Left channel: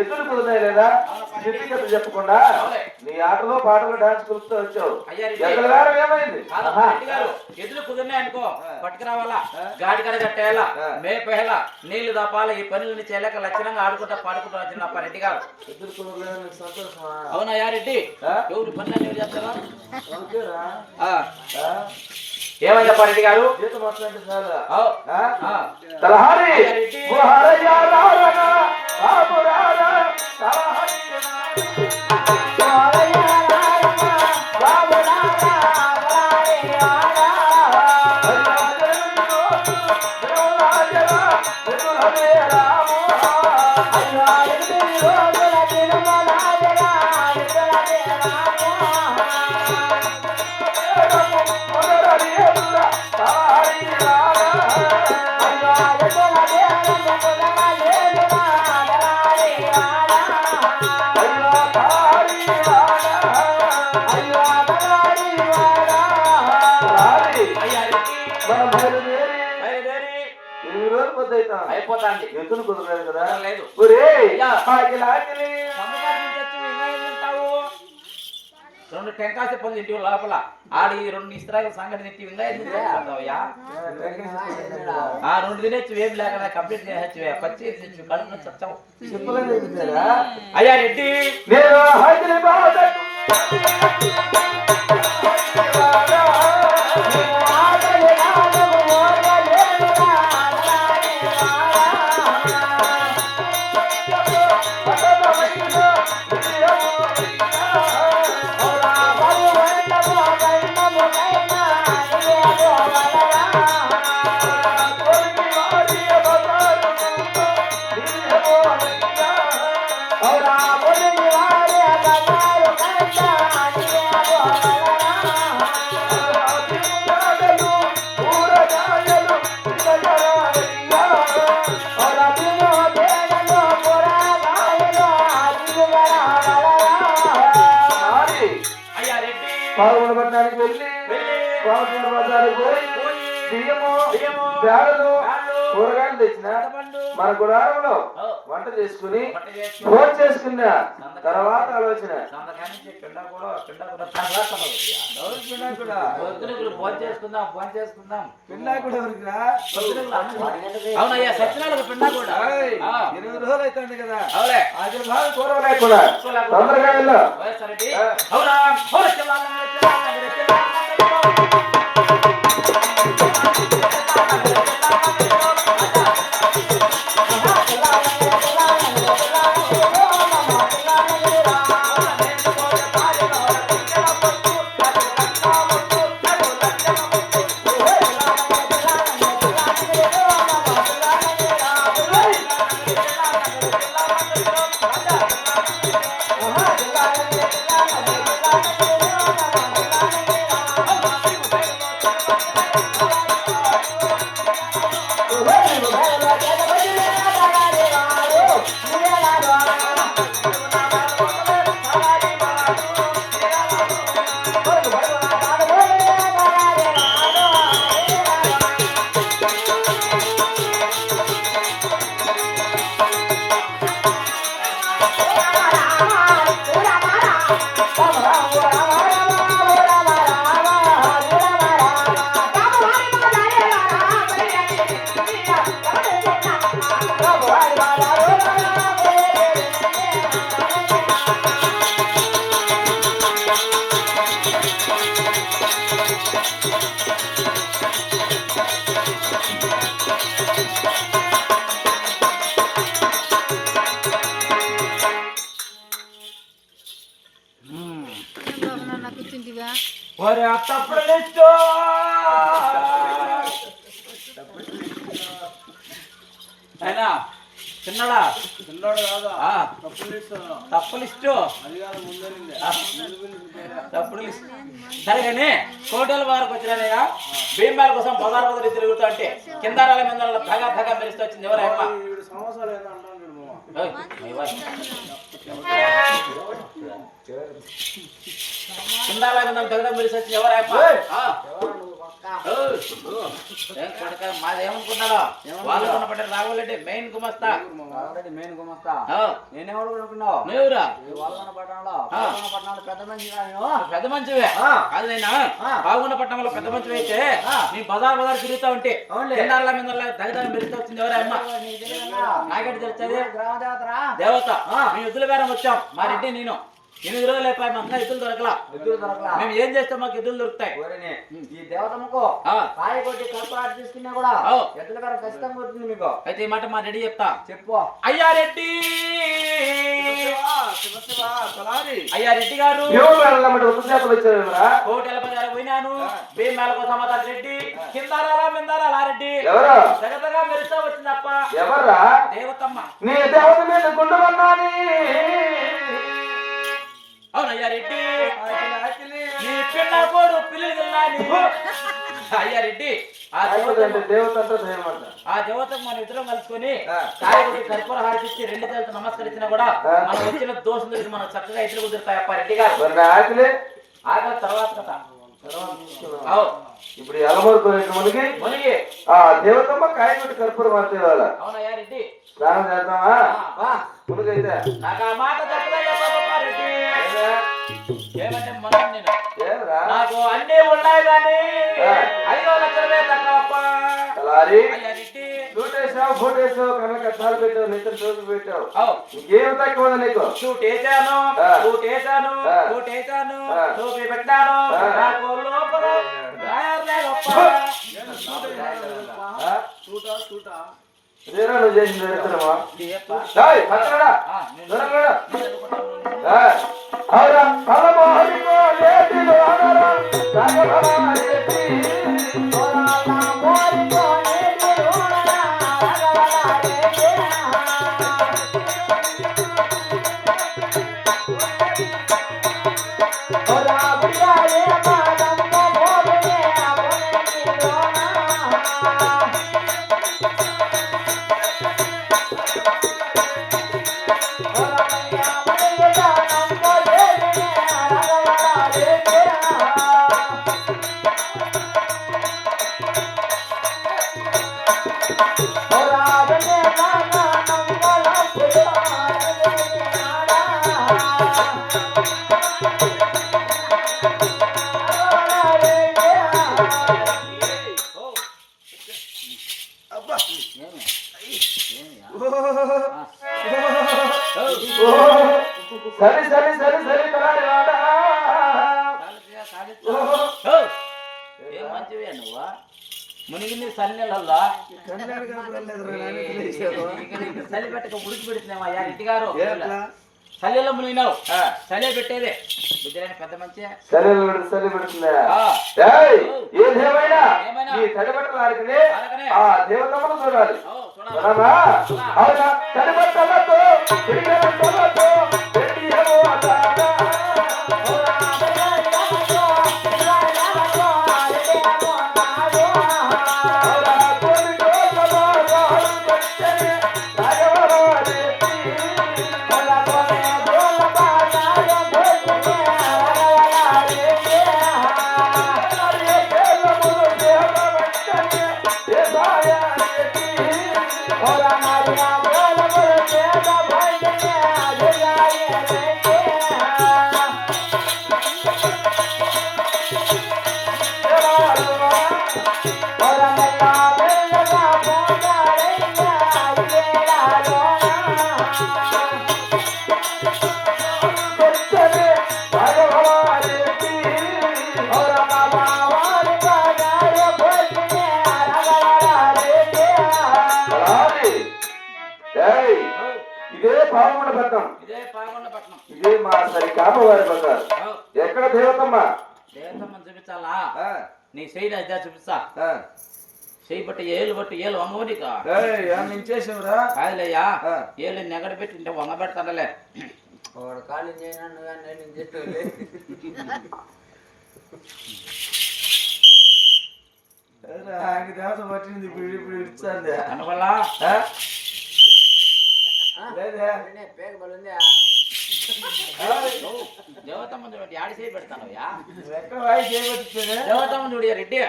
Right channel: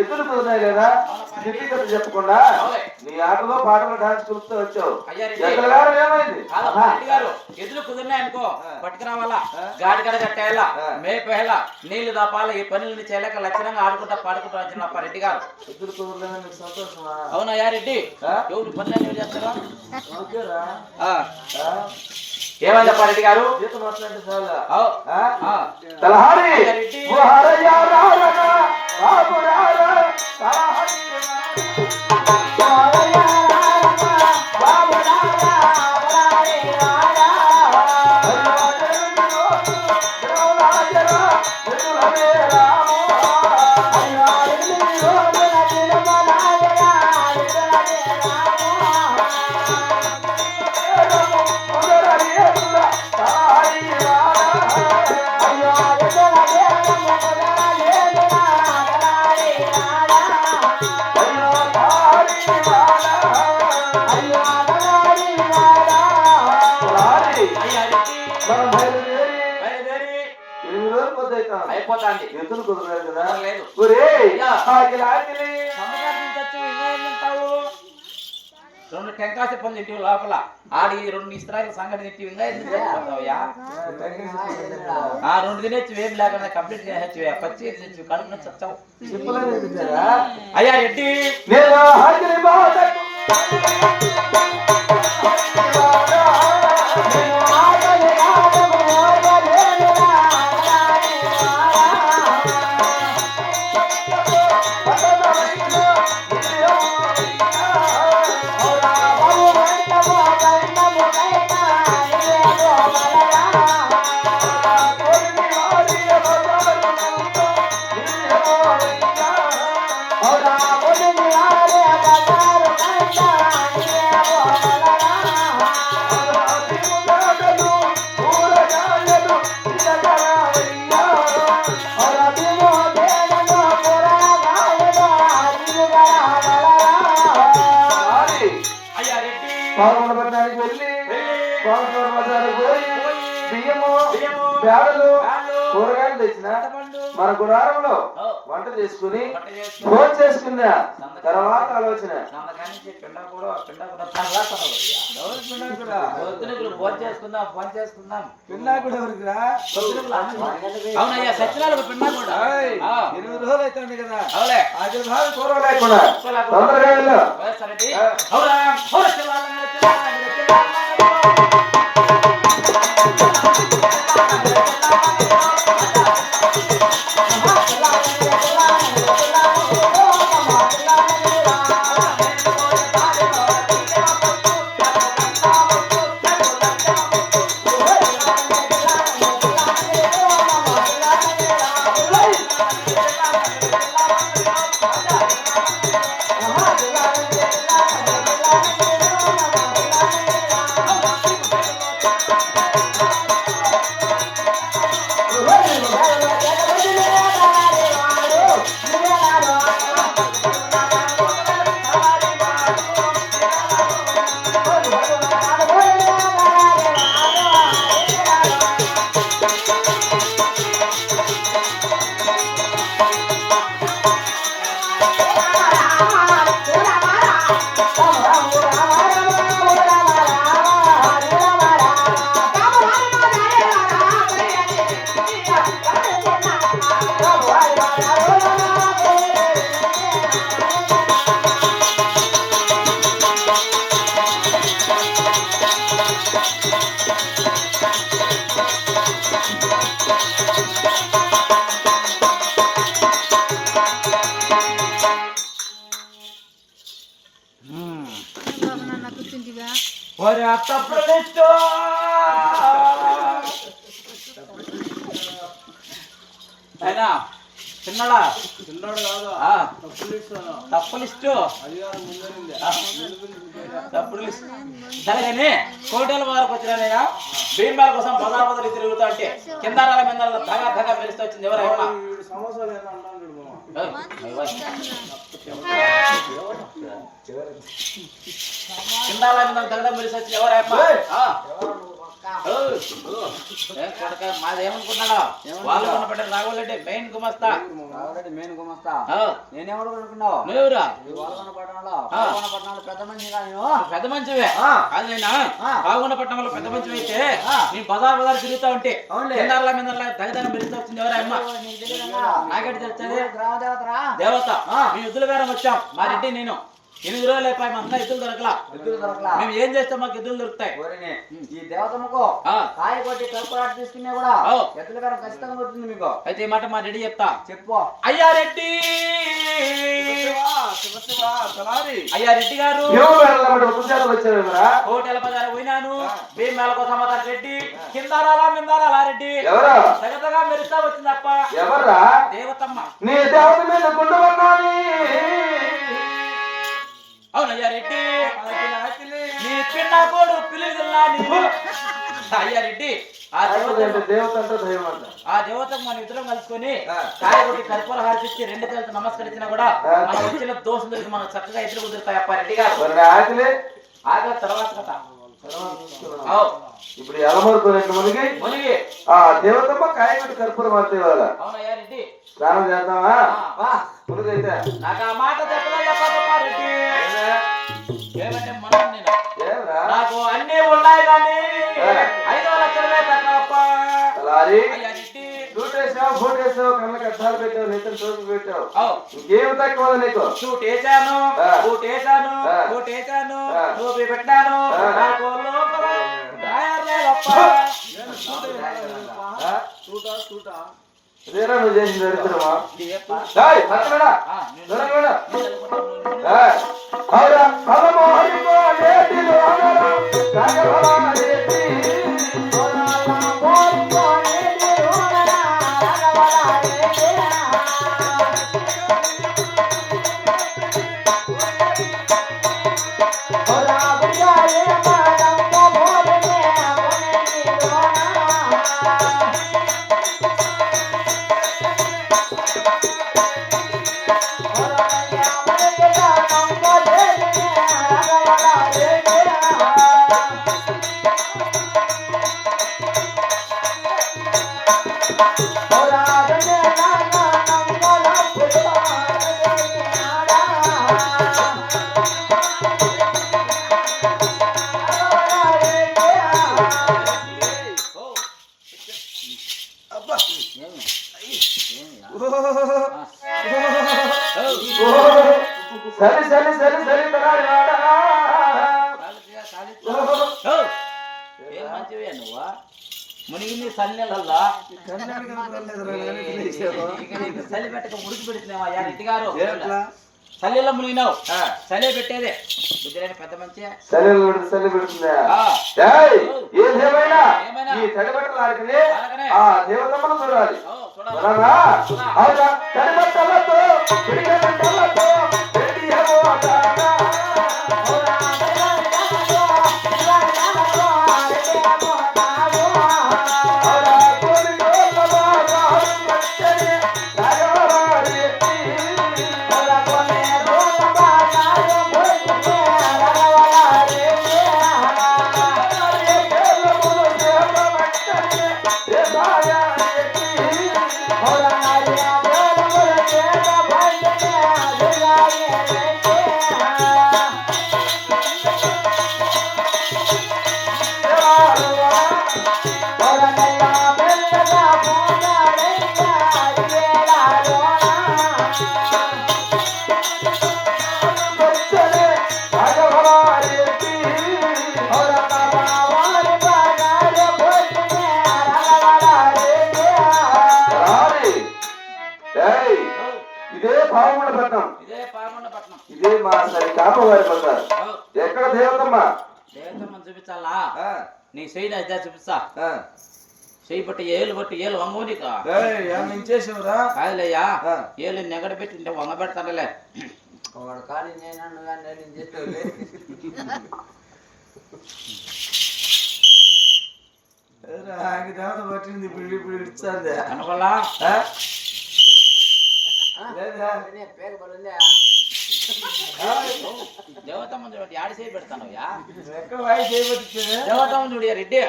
ఎదురు కుదిరాయి లేదా చెప్పకుండా నీ ఆటలో పాటలు డాన్స్ చూస్తూ వచ్చావు. ఏమైంది? ఎదురు కుదిరినాయి అనుకో పట్టుకురావాలా, గాడి కడ కట్టేయాలా, మేపేయాలా, నీళ్లు దాపాలా, ఈ పనులని చేయలేక లక్షణంగా ఆడుకుంటా పాడుకుంటూ వచ్చిన రెడ్డి గారు. ఎదురు కుదరలేదా నీకు సంతోషమా? అవునయ్యా రెడ్డి, ఎవరు పనులు ఎవరు చేస్తారా? ఏమయ్యా రెడ్డి గారు? అయిపోతాండి. ఎదురు కుదరలేదు కదా? లేదు. రెండు టెంకాస పనులు ఇంటి లోపల ఆడి రెండు ఇస్త్రాయిల సంగతి తిట్టి విందా రెండు తినేచ్చు వేడి లేకుండా కంప్లీట్ చేయొచ్చు. పచ్చి కడుపు చచ్చావు. అయ్యా రెడ్డి కూరగాయలు తెచ్చిన మన గుడారంలో వంట చేసుకుని ఫోన్ చేసుకున్నా తర్వాత ఆలోచన ఫోన్ చేసుకుందాం ఫోన్ చేసుకుందాం. పిండా కూడా ఎవరికిరా? అవునయ్యా సత్యనారాయణ పిండా కూడా 8 రోజులు అవుతుంది కదా. అవులే అది బాగా కూరగాయలు కూడా తొందరగా అయినా చిన్నడా ఆ, తప్పు లిస్టు తప్పుడు లిస్టు సరే కానీ కోటల వారికి వచ్చినానయ్యా భీమాల కోసం బజారు తిరుగుతా అంటే కిందారాల మీద ధగా ధగా మెరుస్తూ వచ్చింది ఎవరమ్మా కిందాల మీద ధగ మెరిసి వచ్చింది ఎవరమ్మా మాదేమనుకున్నాడో వాళ్ళు కొనపడ్డారు రాఘవరెడ్డి మెయిన్ గుమస్తా మెయిన్ గుమస్తా ఆ, నేనెవరు అనుకున్నావు నువ్వురా పట్టణంలో పెద్ద మనిషి పెద్ద మంచివే కాదు నైనా బాగుండపట్నంలో పెద్ద మంచివి అయితే నేను బజార్ తిరుగుతా ఉంటే కిందాల మీద దగదగ మెరుస్తూ వచ్చింది ఎవరమ్మా నాగడి తెలుస్తుంది గ్రామదేవతరా దేవత మీ యుద్ధుల బేరం వచ్చాం మా రెడ్డి నేను 8 రోజులు అయిపోయి మా అన్న ఎద్దులు దొరకలా మేము ఏం చేస్తాం మాకు ఎద్దులు దొరుకుతాయి ఈ దేవతమ్మకు కాయ కొట్టి కల్పరాటు తీసుకున్నా కూడా ఎద్దుల గారు ఖచ్చితంగా వస్తుంది మీకు అయితే ఈ మాట మా రెడ్డి చెప్తా చెప్పు అయ్యా రెడ్డి అయ్యా రెడ్డి గారు హోటల్ బజార్ పోయినాను భీమేళ కోసం రెడ్డి కిందారాలా మిందారాలా రెడ్డి సగతగా మెరుస్తా వచ్చిందప్ప దేవతమ్మ అవునయ్యా రెడ్డి నీ పిల్ల కోడు పిల్లలు అయ్యా రెడ్డి ఆ దేవతకు మన ఇద్దరం కలుసుకొని కాయగొట్టి కర్పూర హారతిచ్చి 2 చేతులతో నమస్కరించినా కూడా మన వచ్చిన దోషులకి మనం చక్కగా ఎదురు కుదురుతాయి అప్ప రెడ్డి గారు ఆగ తర్వాత కథ ఇప్పుడు ఎలమూరుకునేకి మునిగి ఆ దేవతమ్మ కాయగొట్టి కర్పూర మార్చే వాళ్ళ అవునయ్యా రెడ్డి స్నానం చేద్దామా మునిగైతే నాకు ఆ మాట చెప్పలేదప్ప రెడ్డి ఏమంటే మనం నేను నాకు అన్నీ ఉన్నాయి కానీ 5 లక్షలే తక్కువప్ప అయ్యా రెడ్డి ఇంకేం తక్కువ నీకు షూట్ వేసాను టోపీ పెట్టాను నాకు లోపల డ్రాయర్ లేదప్ప ఇదేనా నువ్వు చేసిన దరిద్రమా? ఏయ్, పక్కడా. దొరకడా? ఏయ్, అవునా? అలమోహిమో లేటిలో రగవాలేటి. అలమోహిమో లేటిలో రగవాలేటి. ఓరా బియాలే మాదమ్మ మోగనే అవనేటిలోనా. సరి సరి సరి సరి ఏం మంచివే నువ్వా మునిగింది సన్నెలల్లా చలి పెట్టక ఉడికి పెడుతున్నావా యా రెడ్డి గారు చలిలో మునిగినావు చలి పెట్టేదే బుద్ధిలేని పెద్ద మంచి చలి పెడుతుందా ఏమైనా ఈ చలి పెట్టడానికి ఆ దేవతమ్మను చూడాలి అవునా చలి పెట్టలతో ఇదే మా కామవారి పట్టారు ఎక్కడ దేవతమ్మ దేవతమ్మని చూపించాలా నీ శైలి అదే చూపిస్తా చెయ్యి బట్టి ఏలు వంగవునికా చేసావురా కాదులయ్యా ఏలు నెగడ పెట్టింటే వంగ పెడతానులే వాడు ఖాళీ చేయను కానీ నేను ఇంజెక్షన్ దేవత పట్టింది ఇప్పుడు ఇచ్చాంది అనుకోలా పేరు బలుందా దేవతమ్మ చూడండి ఆడి చేయి పెడతానయ్యా ఎక్కడ వాయి చేయబట్టి దేవతమ్మ చూడు రెడ్డి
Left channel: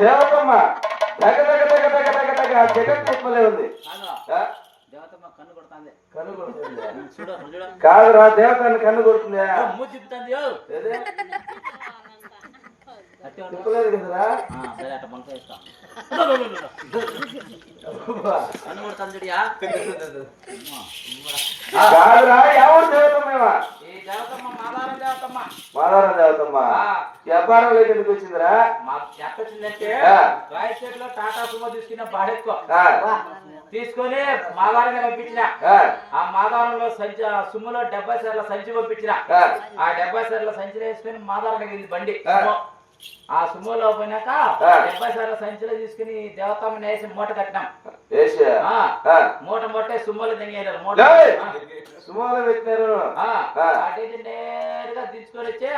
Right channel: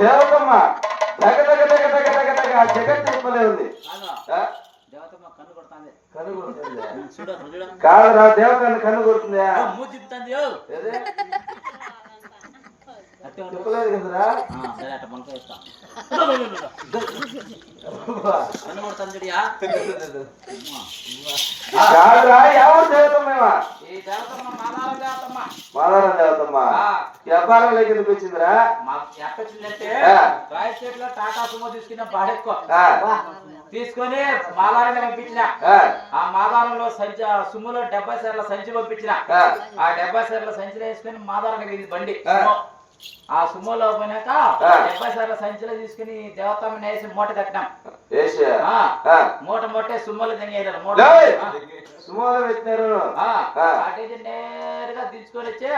దేవతమ్మ జగన్ చెప్పలే ఉంది దేవతమ్మ కన్ను కొడుతుంది కన్ను కొడుతుంది చూడు చూడ కాదురా దేవతమ్మ కన్ను కొడుతుందా మూతి తిప్పుతుంది చెప్పలేదు కదరా సరే అట్ట మనకు ఇస్తా కన్ను కొడుతుంది చూడియా కాదురా ఎవరు దేవతమ్మేవా ఈ దేవతమ్మ మాదారం దేవతమ్మ మాదారం దేవతమ్మ వ్యాపారంలోకి ఎందుకు వచ్చిందిరా ఎక్క వచ్చిందంటే రాయచేతిలో టాటా సుమో తీసుకున్న బాడెక్కువ తీసుకొని మాదారం పంపించిన ఆ మాదారంలో సుమ్ములో 70 సార్ల సంచి పంపించిన ఆ 70 సార్ల సంచిలో వేసుకుని మాదారం బండి ఆ సుమోలో పోయినాక 70 సార్ల సంచిలో తీసుకుని దేవతమ్మని వేసి మూట కట్టినాం మూట సుమ్మలు తినేదారు మూట నేరుగా తీసుకొని వచ్చి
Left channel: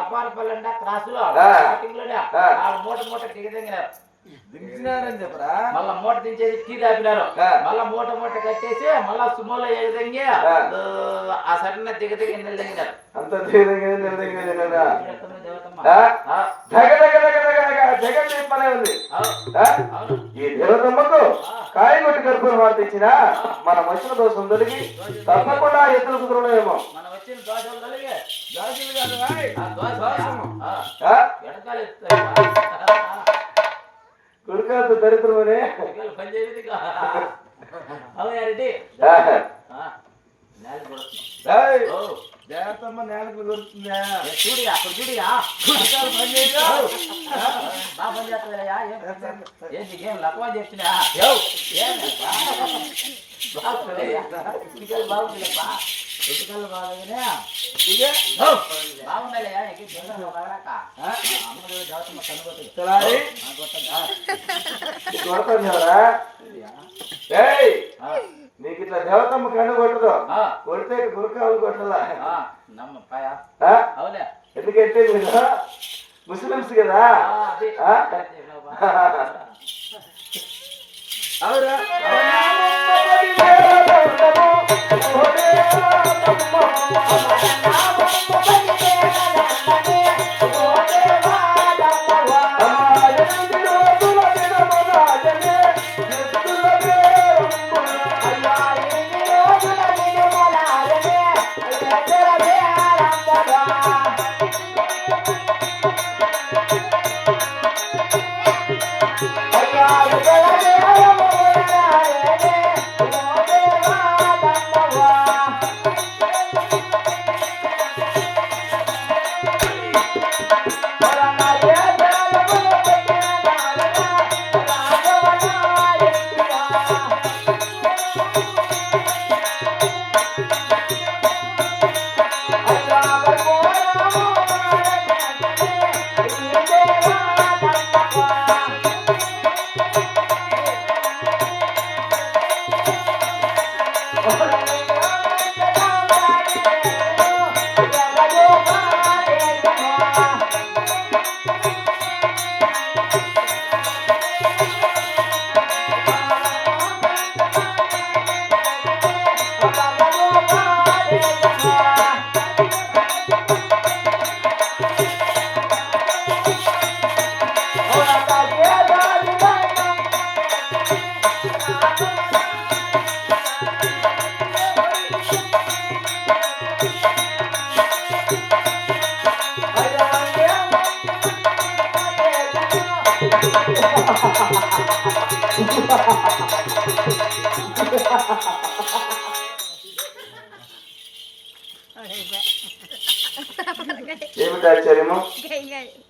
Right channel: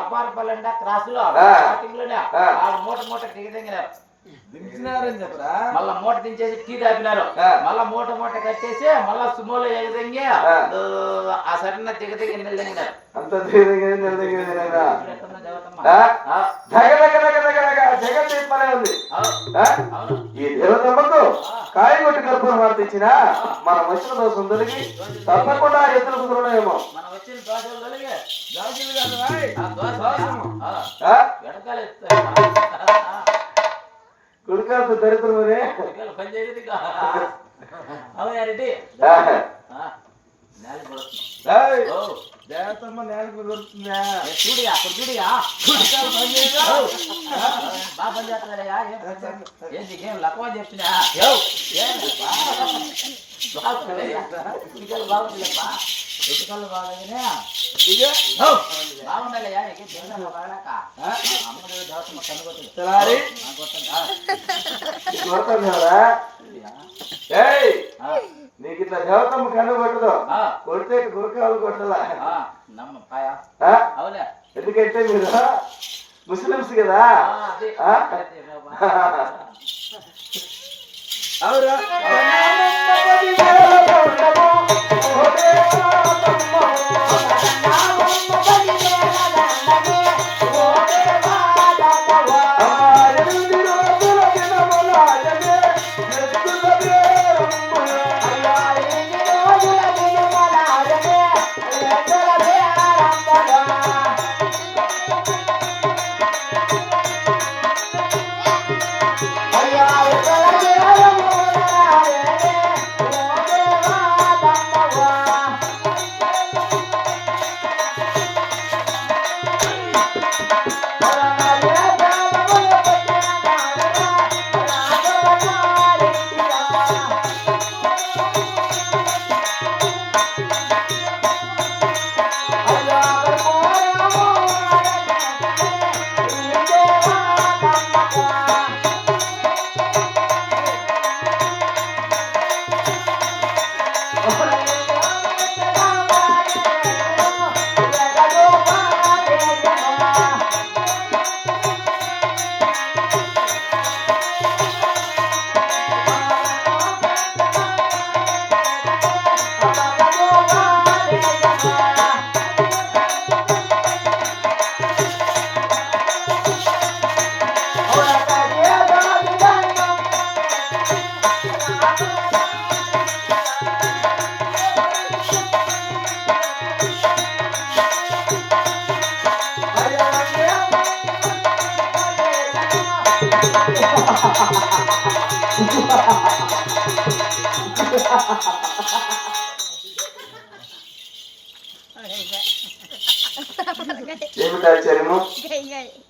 అపారపల్లి క్రాస్ లో స్టార్టింగ్ లోనే మూట దిగదింగినారు దించినారని చెప్పరా మళ్ళా మూట దించేసి టీ తాపినారు మళ్ళా మూట కట్టేసి మళ్ళా సుమోలో ఎగదింగి ఆ సరైన దిగదిగి నిలదింగినారు అంత ఈ దేవతమ్మకు కాయగొట్టి గర్భం వార్తించిన మన వచ్చిన దోషం తొలగి తప్పకుండా ఎదురు కుదరడేమో మనం వచ్చిన దోషాలు కలిగి దోషులు కాదు కుడికాదు దరిద్రమనే అవునారెడ్డి దేవతమ్మ నేలకు దొరుకుతుందా చూడియా అక్కడ చూడియా బాగా పని చేస్తుందయ్యా ఏంటి ఏం లక్కువ చెప్తున్నా బాగుందిలేప్ప ఎటుకలు బాగానే బాగుండాలయ్యా బాగాక అమ్మడు దేవతమ్మ కనుగొట్టు నీకు ఇట్లా దేవతమ్మ కన్ను కొట్టదు కొడితే గురకాలు కొట్టదా నమ్మపాయా అవులే ఎందుకంటే మీరు ముస్లిమ్స్ కదా అవురా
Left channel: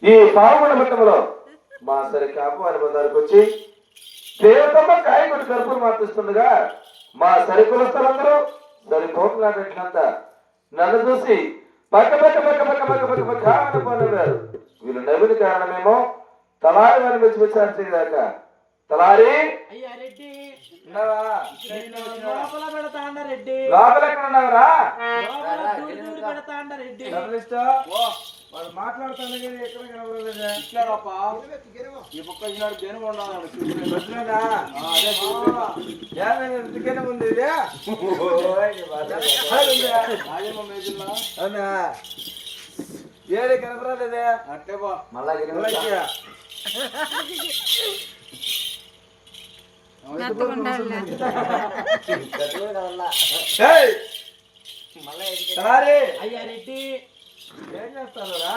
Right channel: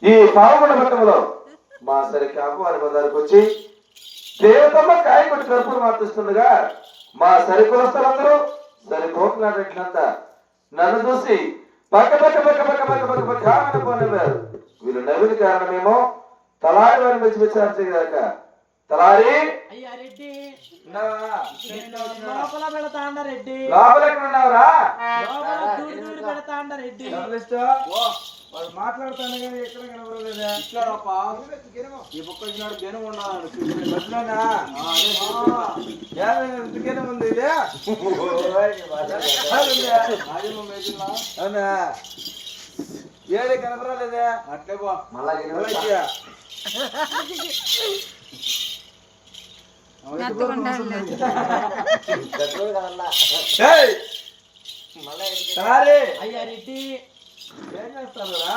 ఈ పాల్గొన ఘట్టంలో మా సరి కాపు వారి బజారుకు వచ్చి దేవతమ్మ కాయ కొట్టి కలుపును మార్పిస్తుండగా మా సరి కులస్తులందరూ దాని కోపలాడినంత నన్ను చూసి పక్క పక్క పక్క పక్క పక్క పక్క పక్క కారణం వీళ్ళు నవ్వుని కారణమేమో తలారి వారిని వచ్చి చేయదాకా తలారి అయ్యా రెడ్డి లోపల పెడతా అండ రెడ్డి లోపల ఎక్కడ ఉన్నావురా లోపల దూడి పెడతా అండ రెడ్డి వాడు మాట్లాడుతాను కానీ ఎక్కడ కనబడలేదా ఈ బుక్క జనం ఉన్నాను ఉంది ఇదే అవునా ఏది కనపరాలేదే అట్లే పో అయ్యా రెడ్డి ఏం చేస్తారా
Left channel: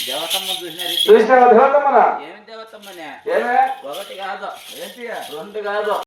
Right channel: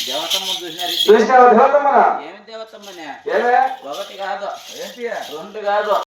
దేవతమ్మ చూసినారు చూసినావా దేవతమ్మనా? ఏమి దేవతమ్మనే ఏమే ఒకటి కాదు ఏంటి రెండు కాదు